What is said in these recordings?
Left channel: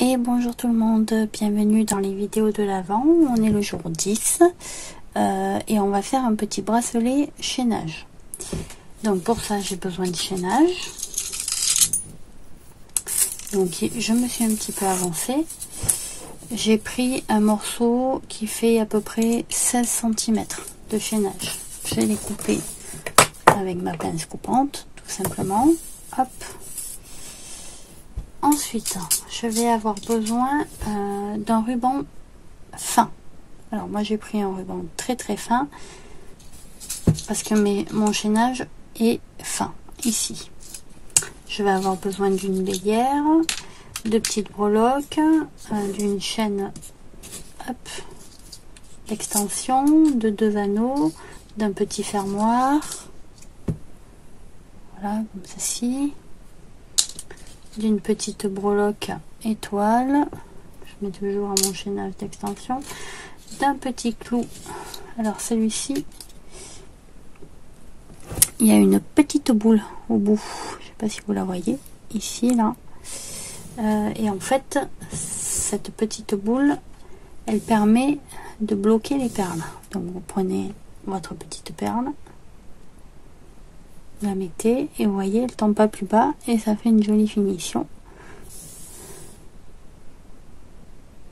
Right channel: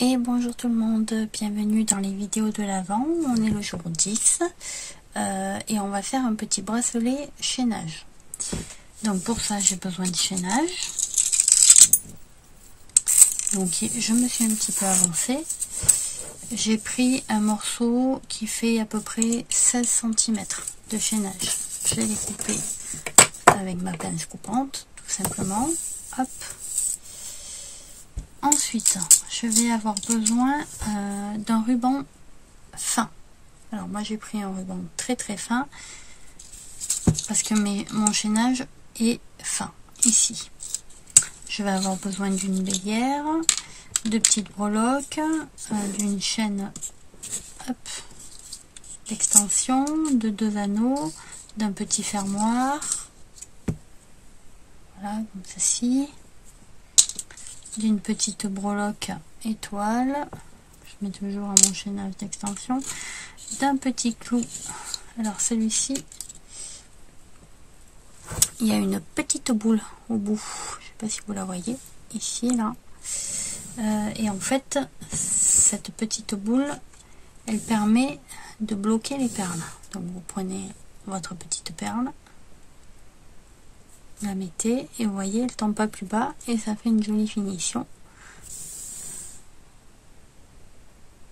Et bonjour tout le monde, bienvenue dans les vidéos de l'Avent. On est le jour 10 et on va faire un petit bracelet chaînage. Donc pour ça j'ai besoin de chaînage. Donc je me suis un petit peu avancée. J'ai pris un morceau qui fait à peu près 16 cm de chaînage. Je vais les couper avec ma pince coupante tout simplement. Hop. Ensuite, je vais avoir besoin d'un ruban fin. Alors moi j'ai pris un ruban très fin parce que mon chaînage est fin ici. Je vais avoir besoin d'une bélière, de petites breloques, d'une chaîne d'extension, de 2 anneaux, d'un petit fermoir. Voilà, comme ceci. D'une petite breloque étoile, je mets toujours à mon chaînage d'extension, d'un petit clou. Alors celui-ci, il y a une petite boule au bout, je sais pas si vous la voyez ici là, et en fait cette petite boule elle permet de bloquer les perles. Donc vous prenez votre petite perle, la mettez et vous voyez elle tombe pas plus bas et ça fait une jolie finition.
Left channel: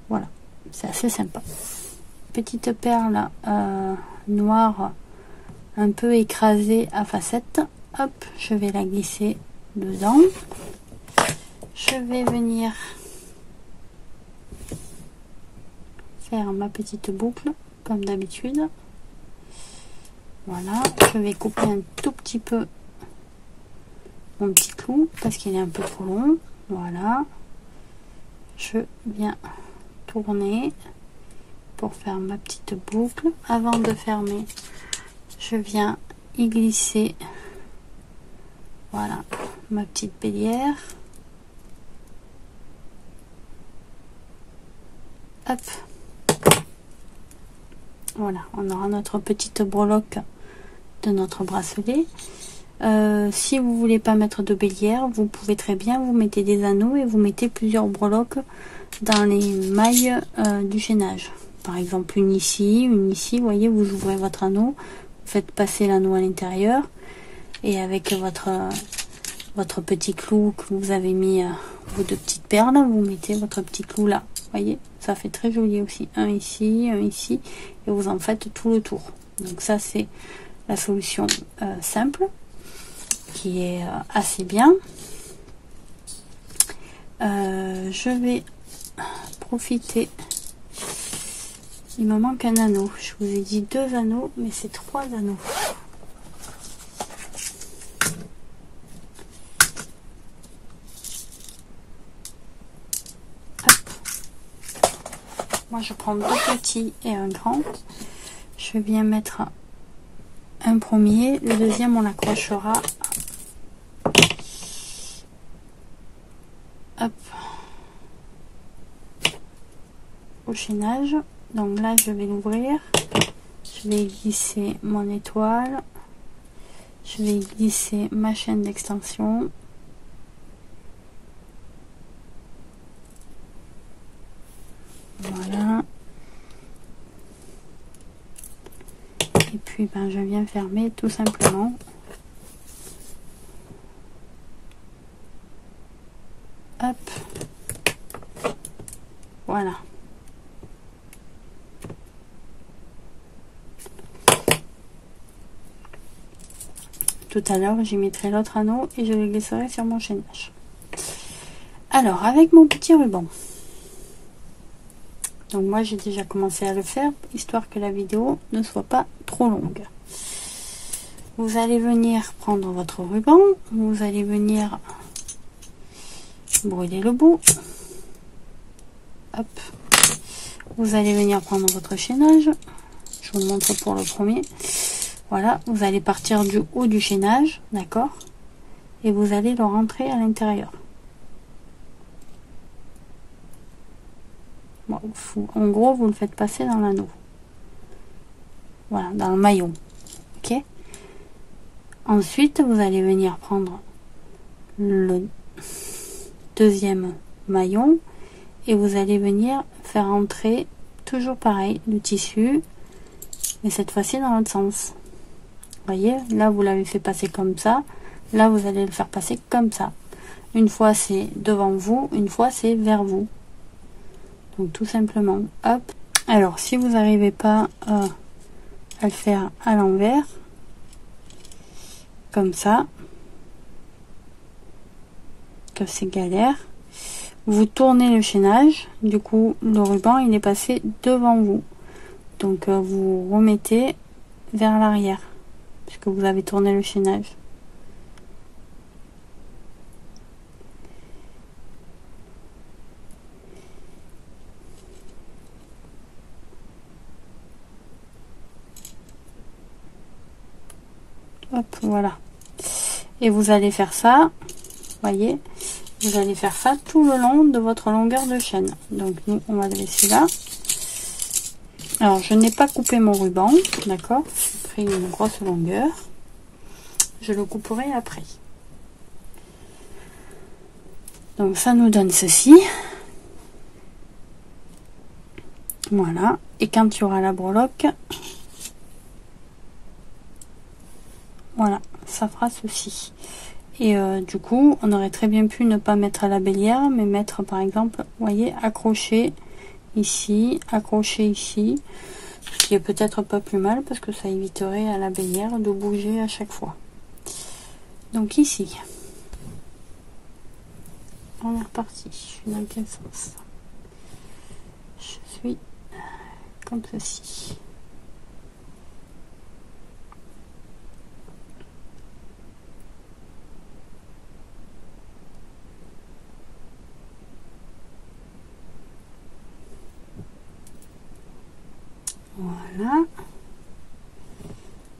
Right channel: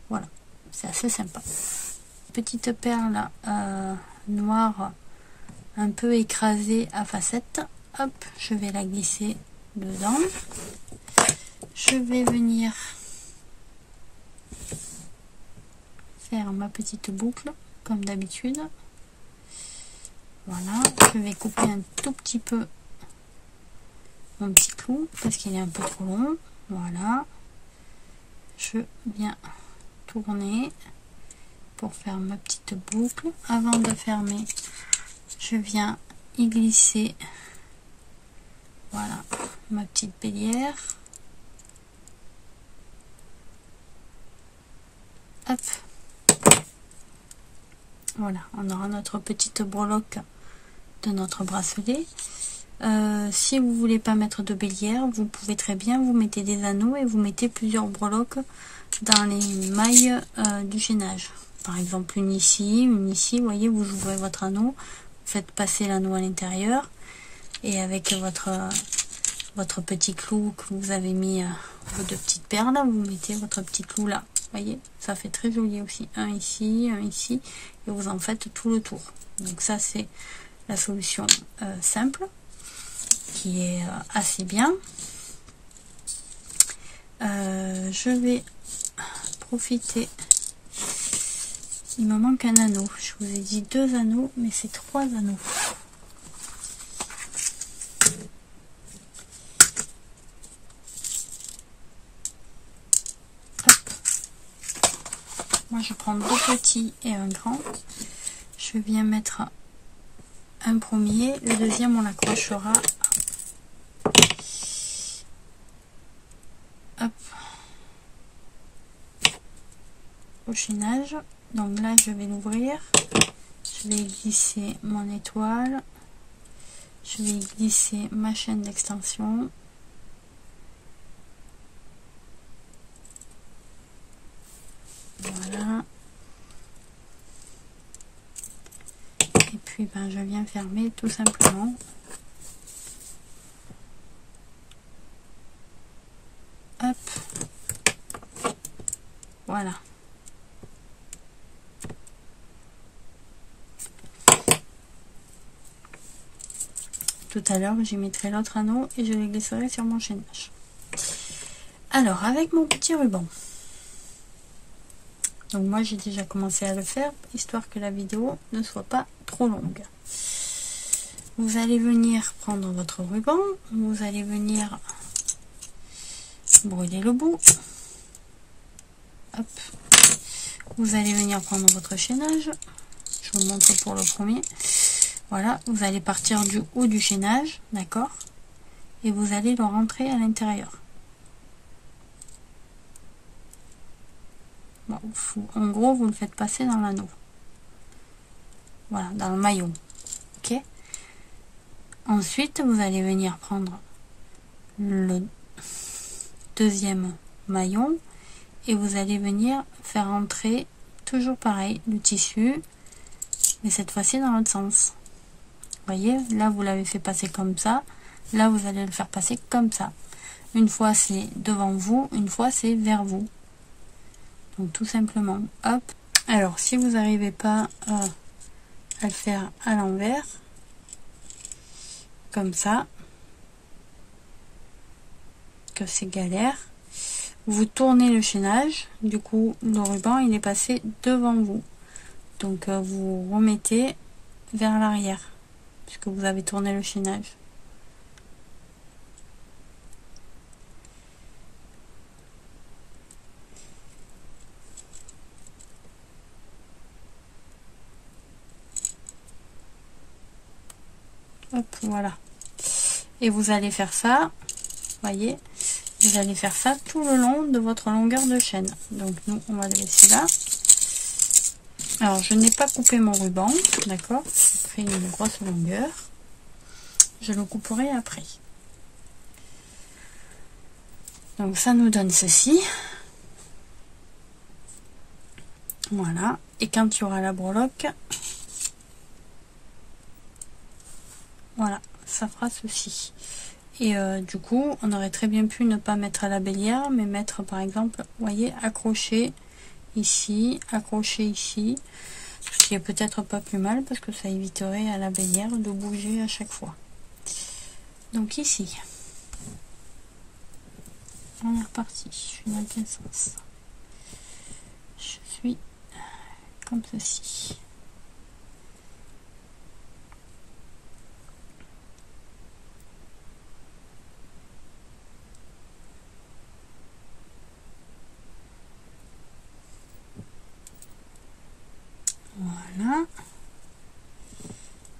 Voilà, c'est assez sympa. Petite perle noire un peu écrasée à facettes. Hop, je vais la glisser dedans. Je vais venir faire ma petite boucle comme d'habitude. Voilà, je vais couper un tout petit peu mon petit clou parce qu'il est un peu trop long. Voilà, je viens tourner pour faire ma petite boucle. Avant de fermer, je viens y glisser, voilà, ma petite bélière. Hop, voilà, on aura notre petite breloque de notre bracelet. Si vous voulez pas mettre de bélière, vous pouvez très bien vous mettez des anneaux et vous mettez plusieurs breloques dans les mailles du chaînage. Par exemple une ici, vous voyez, vous ouvrez votre anneau, vous faites passer l'anneau à l'intérieur et avec votre petit clou que vous avez mis vos 2 petites perles, vous mettez votre petit clou là. Vous voyez, ça fait très joli aussi. Un ici, et vous en faites tout le tour. Donc ça c'est la solution simple qui est assez bien. Je vais profiter. Il me manque un anneau. Je vous ai dit 2 anneaux, mais c'est 3 anneaux. Hop. Moi, je prends 2 petits et un grand. Je viens mettre un premier. Le deuxième, on l'accrochera. Hop. Au chaînage. Donc là je vais l'ouvrir, je vais glisser mon étoile, je vais glisser ma chaîne d'extension, voilà, et puis ben je viens fermer tout simplement. Hop, voilà. Tout à l'heure j'y mettrai l'autre anneau et je le glisserai sur mon chaînage. Alors avec mon petit ruban, donc moi j'ai déjà commencé à le faire histoire que la vidéo ne soit pas trop longue. Vous allez venir prendre votre ruban, vous allez venir brûler le bout. Hop. Vous allez venir prendre votre chaînage, je vous montre pour le premier. Voilà, vous allez partir du haut du chaînage, d'accord, et vous allez le rentrer à l'intérieur. Bon, en gros, vous le faites passer dans l'anneau. Voilà, dans le maillon. Ok. Ensuite, vous allez venir prendre le deuxième maillon et vous allez venir faire entrer toujours pareil le tissu, mais cette fois-ci dans l'autre sens. Vous voyez, là vous l'avez fait passer comme ça, là vous allez le faire passer comme ça. Une fois c'est devant vous, une fois c'est vers vous. Donc tout simplement, hop. Alors si vous n'arrivez pas à le faire à l'envers, comme ça, que c'est galère, vous tournez le chaînage, du coup le ruban il est passé devant vous. Donc vous remettez vers l'arrière, puisque vous avez tourné le chaînage. Hop, voilà. Et vous allez faire ça, voyez, vous allez faire ça tout le long de votre longueur de chaîne. Donc nous, on va le laisser là. Alors, je n'ai pas coupé mon ruban, d'accord? J'ai pris une grosse longueur. Je le couperai après. Donc ça nous donne ceci. Voilà. Et quand il y aura la breloque, voilà, ça fera ceci. Et du coup, on aurait très bien pu ne pas mettre à la bélière, mais mettre par exemple, vous voyez, accrocher ici, accrocher ici, ce qui est peut-être pas plus mal parce que ça éviterait à la bélière de bouger à chaque fois. Donc ici, on est reparti. Je suis dans quel sens? Je suis comme ceci. Voilà.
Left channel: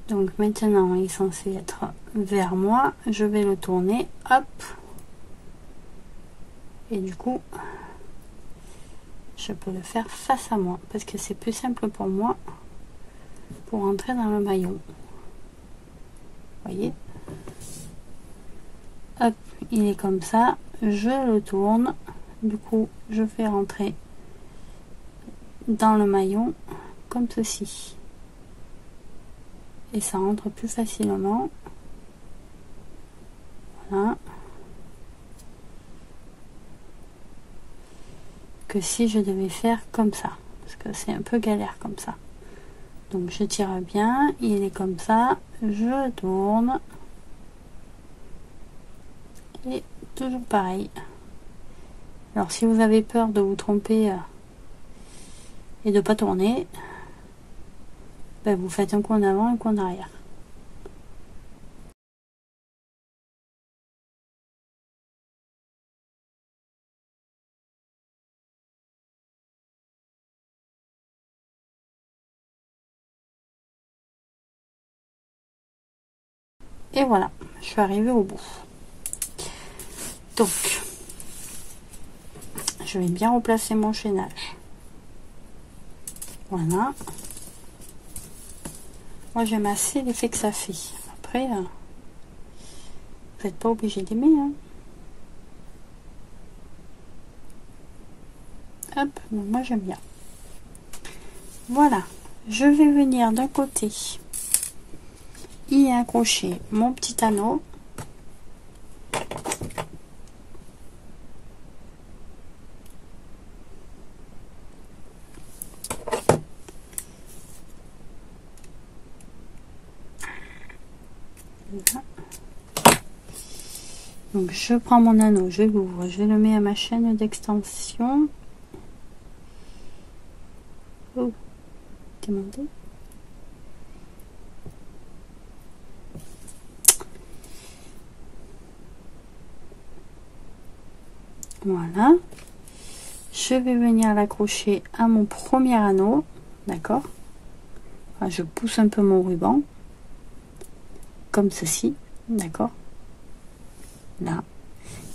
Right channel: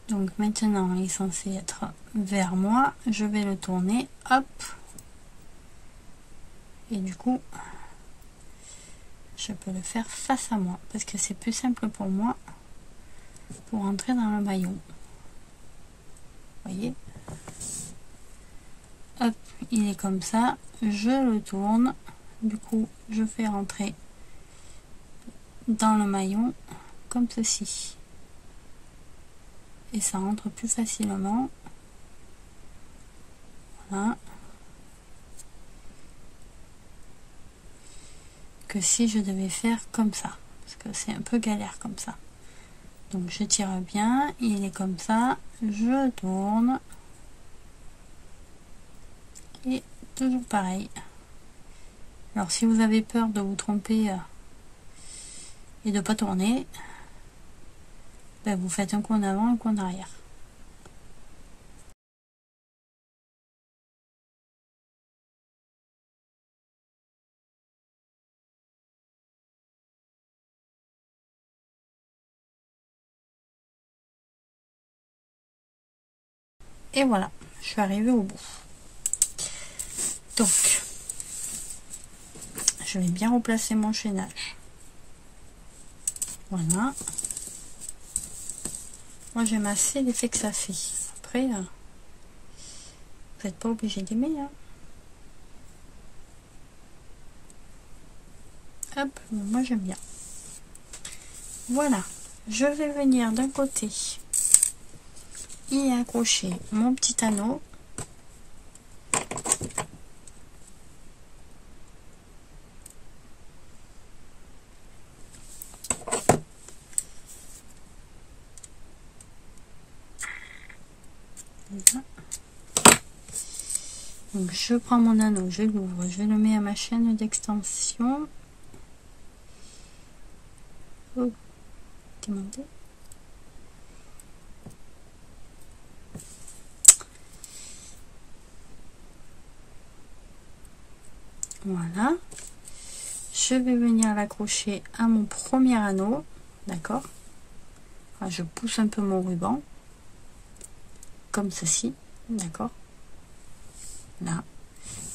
Donc maintenant il est censé être vers moi. Je vais le tourner. Hop. Et du coup, je peux le faire face à moi. Parce que c'est plus simple pour moi pour entrer dans le maillon. Vous voyez? Hop. Il est comme ça. Je le tourne. Du coup, je fais rentrer dans le maillon comme ceci. Et ça rentre plus facilement. Voilà. Que si je devais faire comme ça. Parce que c'est un peu galère comme ça. Donc je tire bien. Il est comme ça. Je tourne. Et toujours pareil. Alors si vous avez peur de vous tromper et de pas tourner, ben, vous faites un coup en avant, un coup en arrière. Et voilà, je suis arrivée au bout. Donc, je vais bien replacer mon chaînage. Voilà. Moi, j'aime assez l'effet que ça fait. Après, vous n'êtes pas obligé d'aimer. Hein. Hop, moi j'aime bien. Voilà, je vais venir d'un côté y accrocher mon petit anneau. Voilà. Donc je prends mon anneau, je l'ouvre, je le mets à ma chaîne d'extension. Oh, demandez. Voilà. Je vais venir l'accrocher à mon premier anneau, d'accord. Enfin, je pousse un peu mon ruban, comme ceci, d'accord. Là,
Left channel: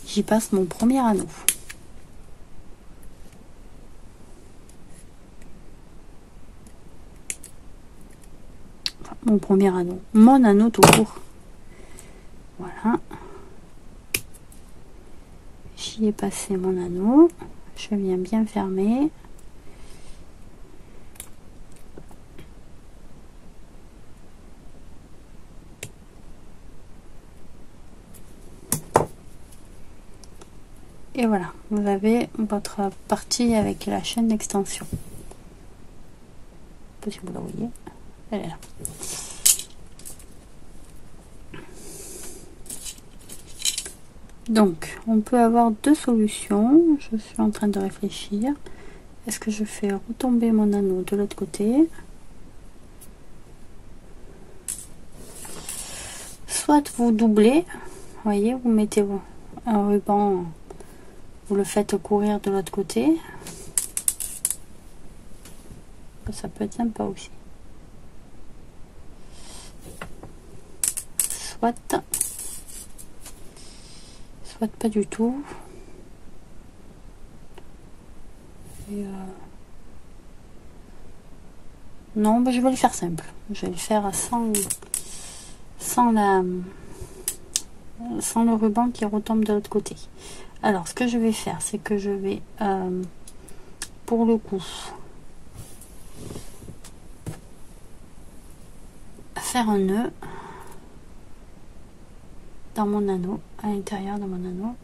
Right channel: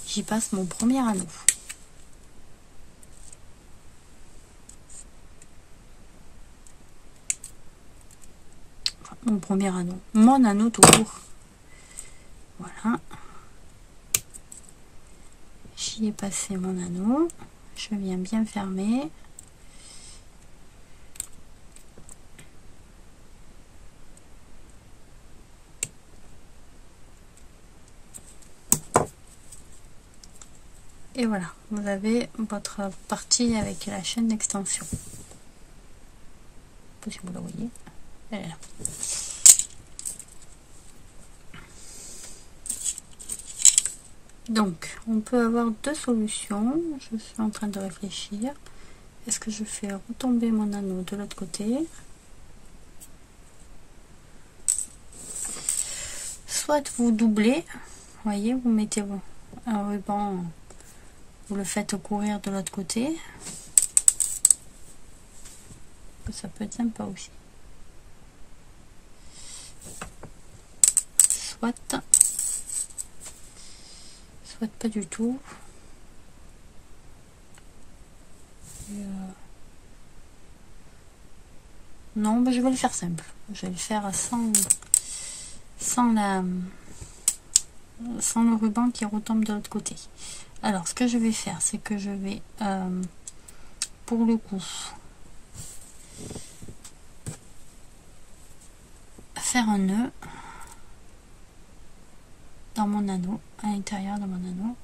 j'y passe mon premier anneau. Enfin, mon premier anneau, mon anneau tout court. Voilà. J'y ai passé mon anneau. je viens bien fermer. Et voilà, vous avez votre partie avec la chaîne d'extension. Je sais pas si vous la voyez, elle est là. Donc, on peut avoir deux solutions. Je suis en train de réfléchir. Est-ce que je fais retomber mon anneau de l'autre côté? Soit vous doublez, voyez, vous mettez un ruban, vous le faites courir de l'autre côté. Ça peut être sympa aussi. Soit pas du tout. Et non, ben je vais le faire simple. Je vais le faire sans le ruban qui retombe de l'autre côté. Alors, ce que je vais faire, c'est que je vais, pour le coup, faire un nœud dans mon anneau, à l'intérieur de mon anneau.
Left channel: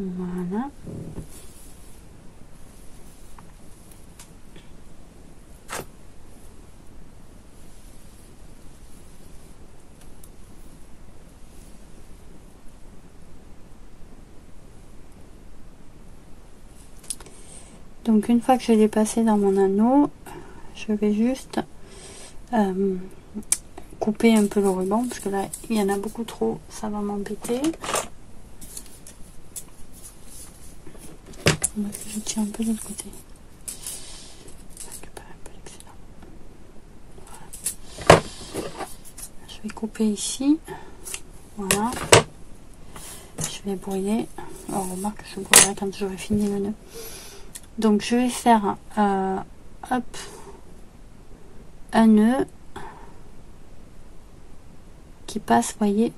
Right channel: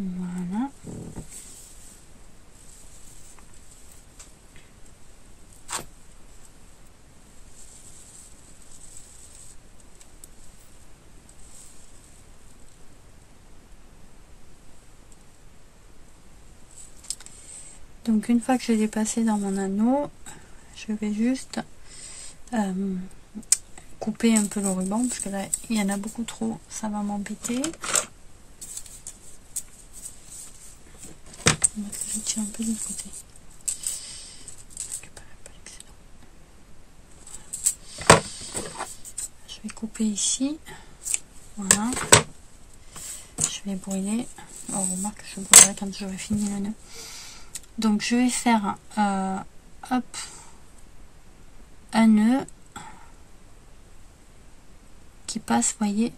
Voilà. Donc une fois que je l'ai passé dans mon anneau, je vais juste couper un peu le ruban parce que là il y en a beaucoup trop, ça va m'embêter. Je tire un peu de l'autre côté. Je vais couper ici. Voilà. Je vais brouiller. Oh, remarque, je brouillerai quand j'aurai fini le nœud. Donc je vais faire hop, un nœud qui passe, voyez,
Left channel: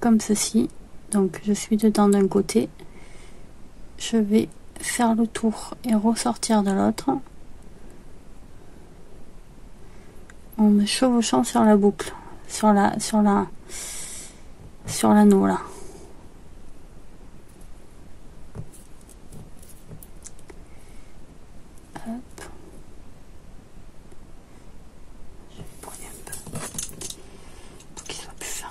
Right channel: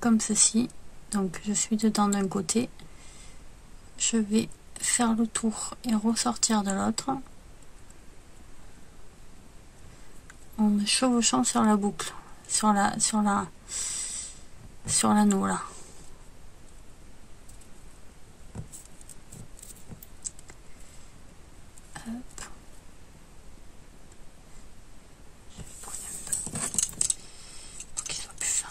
comme ceci. Donc je suis dedans d'un côté, je vais faire le tour et ressortir de l'autre en me chevauchant sur la boucle, sur l'anneau là. Hop. Je vais brouiller un peu pour qu'il soit plus fin.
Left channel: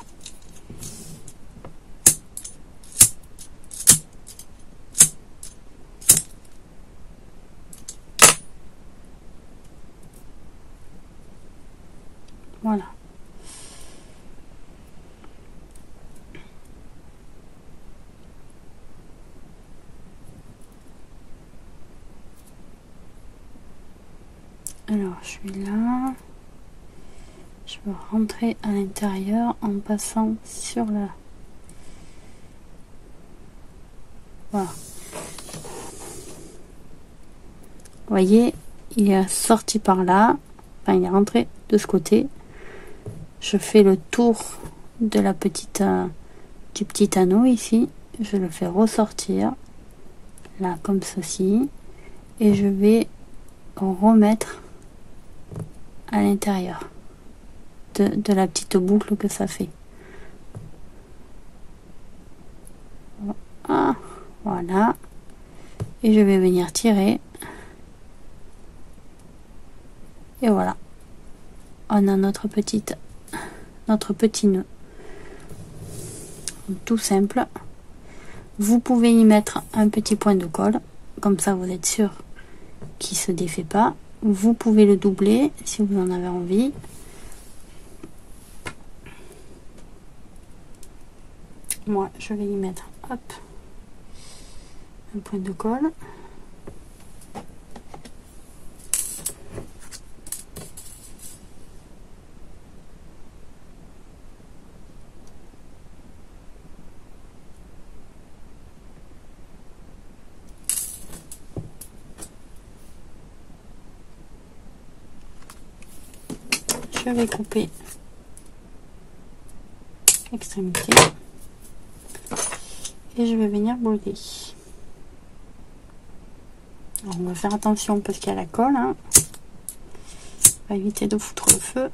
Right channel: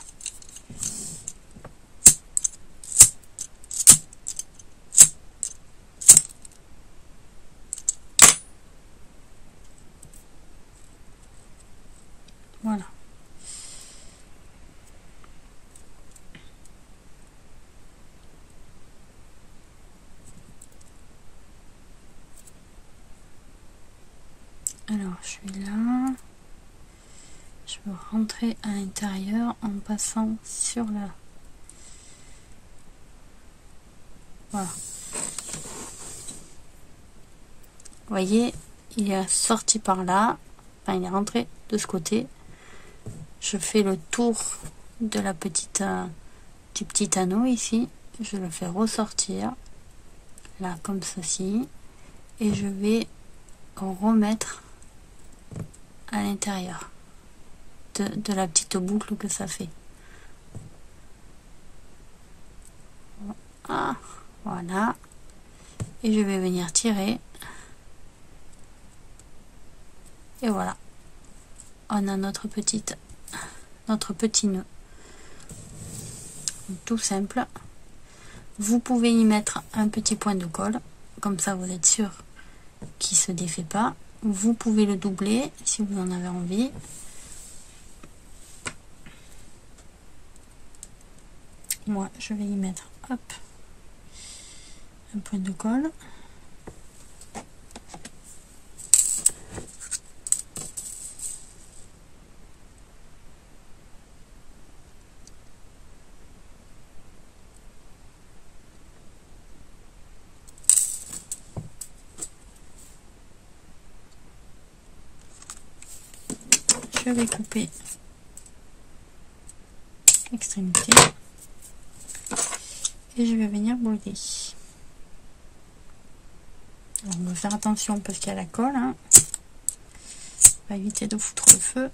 Voilà. Alors, je suis là. Je vais rentrer à l'intérieur en passant sur la... Voilà. Vous voyez, il est sorti par là. Enfin, il est rentré de ce côté. Je fais le tour de la petite du petit anneau ici. Je le fais ressortir. Là, comme ceci. Et je vais remettre à l'intérieur de la petite boucle que ça fait. Ah, voilà. Et je vais venir tirer. Et voilà. On a notre petit nœud. Tout simple. Vous pouvez y mettre un petit point de colle. Comme ça, vous êtes sûr qu'il se défait pas. Vous pouvez le doubler si vous en avez envie. Moi, je vais y mettre, hop, un point de colle. je vais couper l'extrémité et je vais venir broder. Alors, on va faire attention parce qu'il y a la colle, hein. On va éviter de foutre le feu.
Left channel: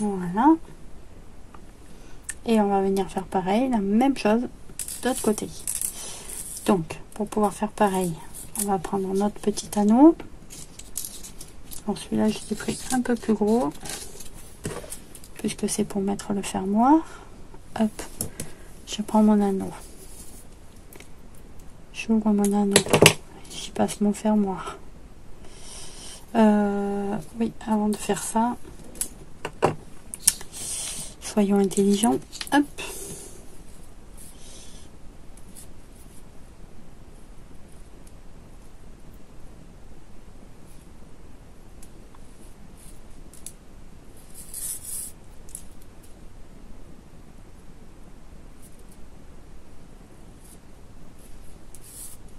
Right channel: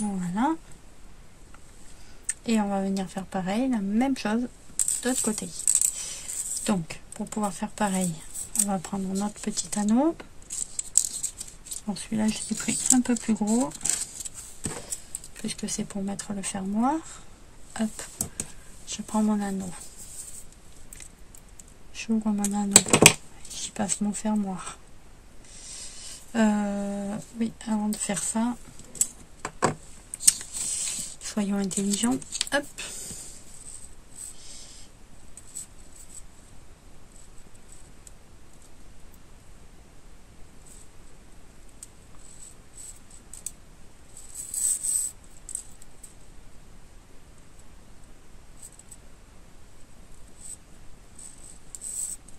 Voilà. Et on va venir faire pareil, la même chose de l'autre côté. Donc, pour pouvoir faire pareil, on va prendre notre petit anneau. Alors celui-là, je l'ai pris un peu plus gros, puisque c'est pour mettre le fermoir. Hop, je prends mon anneau. J'ouvre mon anneau. J'y passe mon fermoir. Oui, avant de faire ça, soyons intelligents. Hop.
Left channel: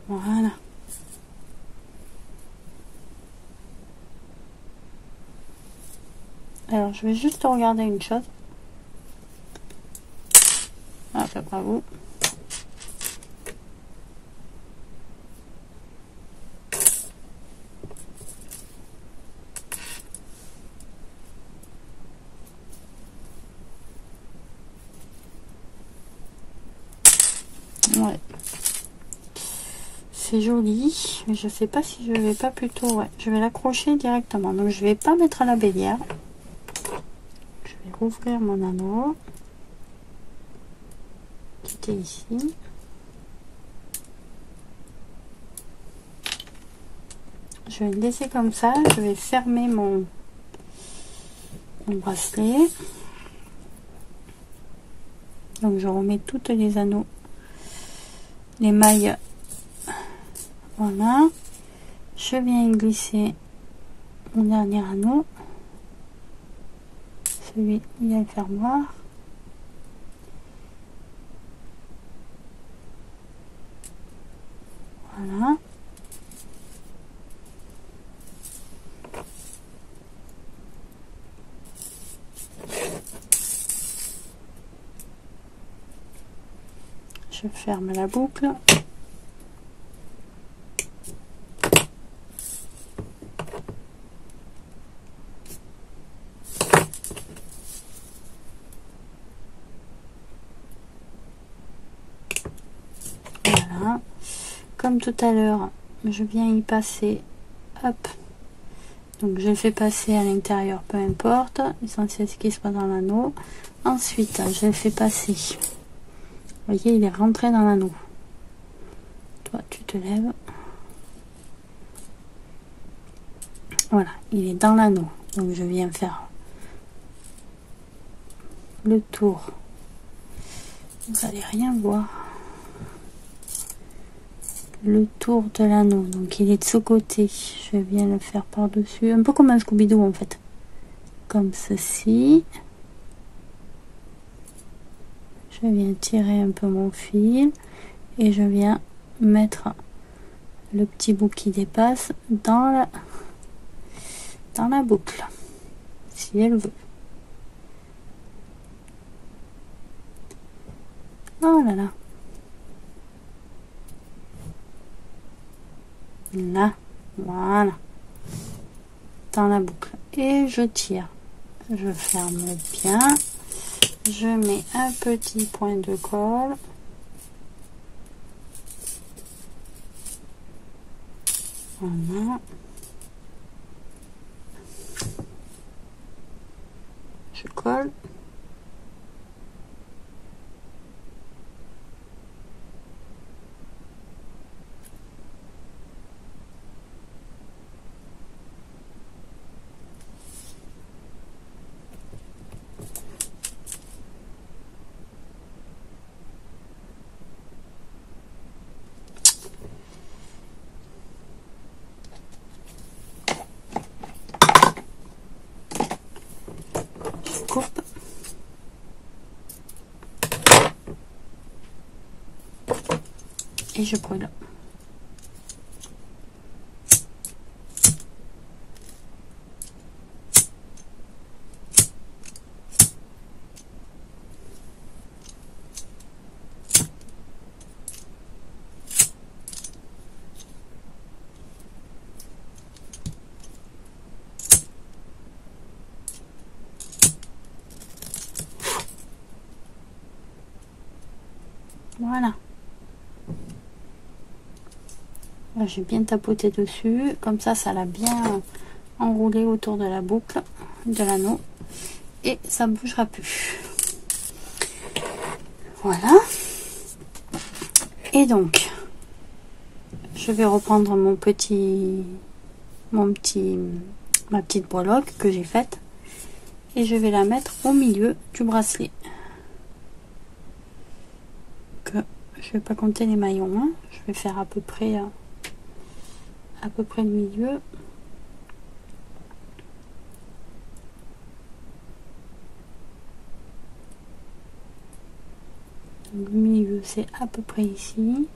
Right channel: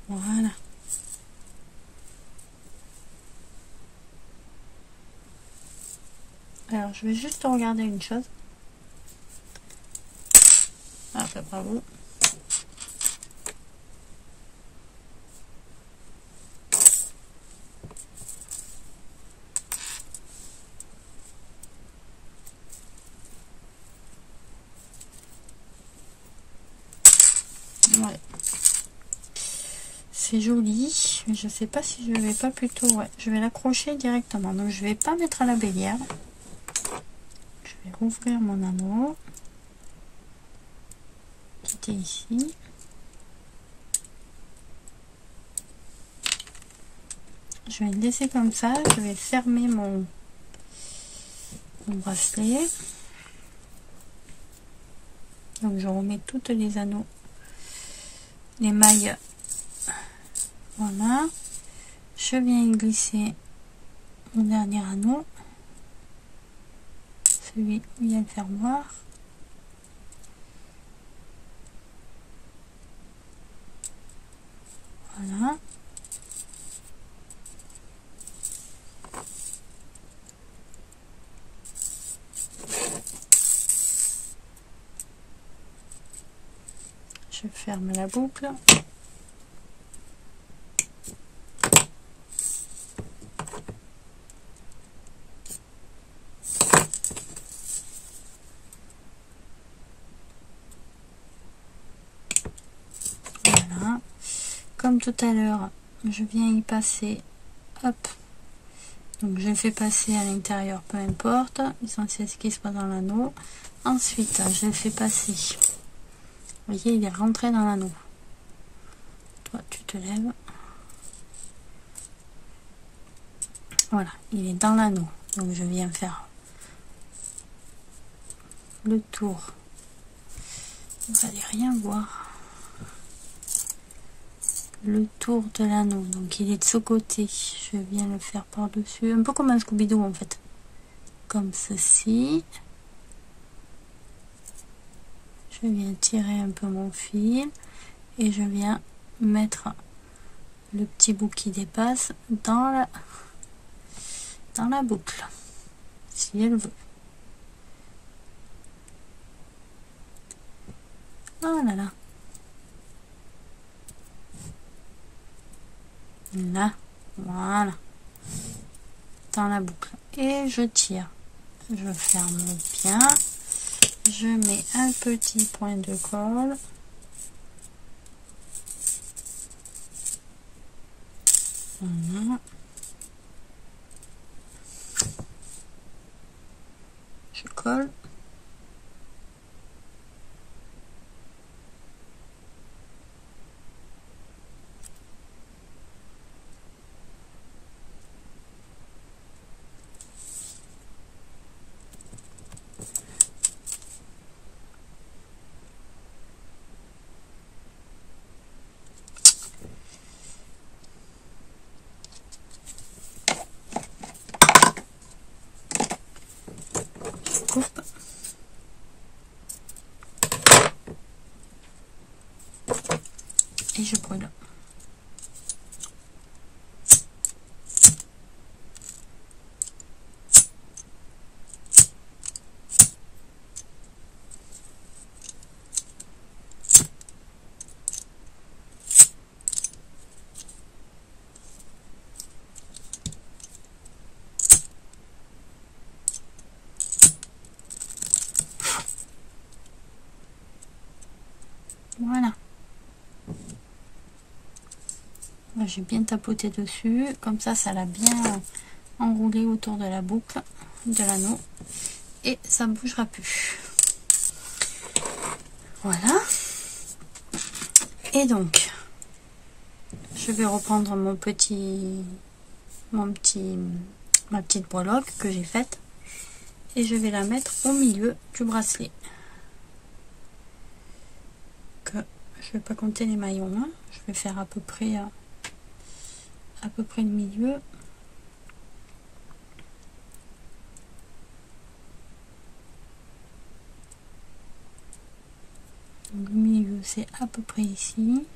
Voilà. Alors, je vais juste regarder une chose. Ah, ça pas vous. Ouais. C'est joli, mais je sais pas si je vais pas plutôt... Ouais, je vais l'accrocher directement. Donc, je vais pas mettre à la bélière. Je vais rouvrir mon anneau. Qui était ici. Je vais le laisser comme ça. Je vais fermer mon bracelet. Donc, je remets toutes les anneaux. Les mailles. Voilà. Je viens y glisser mon dernier anneau. Celui où il y a le fermoir. Voilà. Je ferme la boucle. Voilà. Comme tout à l'heure, je viens y passer. Hop. Donc je fais passer à l'intérieur, peu importe. L'essentiel c'est qu'il soit dans l'anneau. Ensuite, je fais passer. Vous voyez, il est rentré dans l'anneau. Toi, tu te lèves. Voilà, il est dans l'anneau. Donc je viens faire le tour. Vous n'allez rien voir. Le tour de l'anneau. Donc il est de ce côté. Je viens le faire par-dessus. Un peu comme un Scooby-Doo en fait. Comme ceci. Je viens tirer un peu mon fil. Et je viens mettre le petit bout qui dépasse dans la boucle. Si elle veut. Oh là là. Là, voilà, dans la boucle, et je tire, je ferme bien, je mets un petit point de colle, voilà, je colle. Coupe et je brûle. J'ai bien tapoté dessus, comme ça l'a bien enroulé autour de la boucle de l'anneau et ça ne bougera plus. Voilà. Et donc je vais reprendre ma petite breloque que j'ai faite et je vais la mettre au milieu du bracelet. Je vais pas compter les maillons, hein. Je vais faire à peu près le milieu. Le milieu c'est à peu près ici.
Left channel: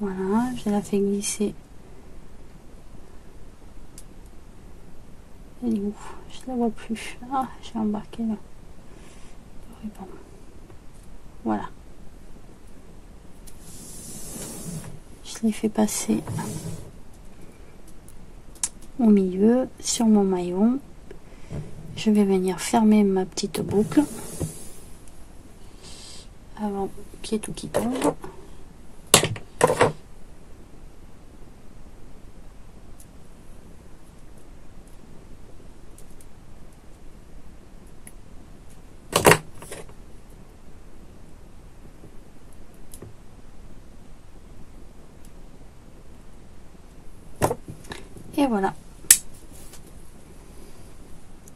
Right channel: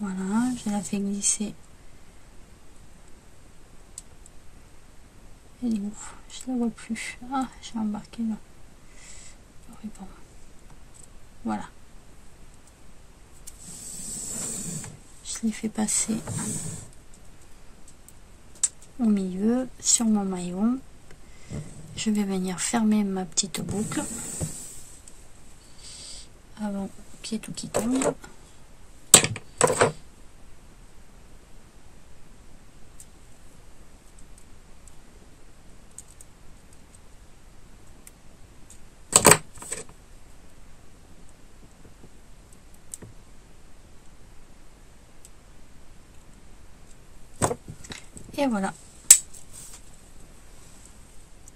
Voilà, je la fais glisser. Elle est où? Je la vois plus. Ah, j'ai embarqué là. Bon. Voilà. Je l'ai fait passer au milieu sur mon maillon. Je vais venir fermer ma petite boucle avant qu'il y ait tout qui tombe. Et voilà.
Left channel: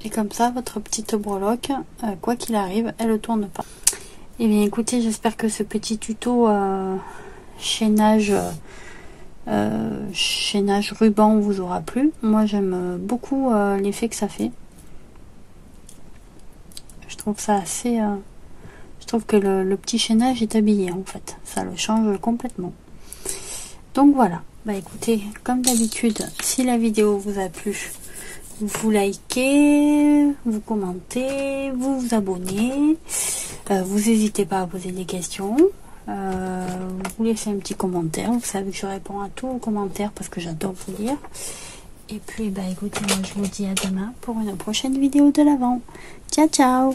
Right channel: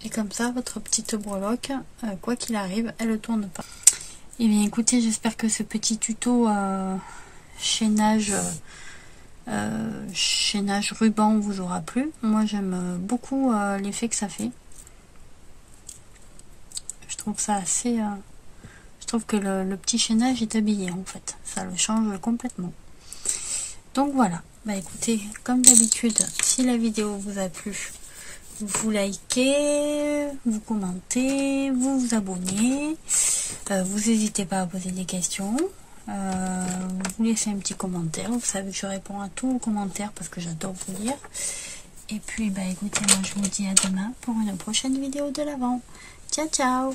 Et comme ça, votre petite breloque, quoi qu'il arrive, elle ne tourne pas. Et bien écoutez, j'espère que ce petit tuto chaînage ruban vous aura plu. Moi j'aime beaucoup l'effet que ça fait. Je trouve ça assez... je trouve que le petit chaînage est habillé en fait. Ça le change complètement. Donc voilà. Bah écoutez, comme d'habitude, si la vidéo vous a plu, vous likez, vous commentez, vous vous abonnez, vous n'hésitez pas à poser des questions, vous laissez un petit commentaire. Vous savez que je réponds à tous vos commentaires parce que j'adore vous lire. Et puis bah écoutez, moi je vous dis à demain pour une prochaine vidéo de l'Avent. Ciao ciao.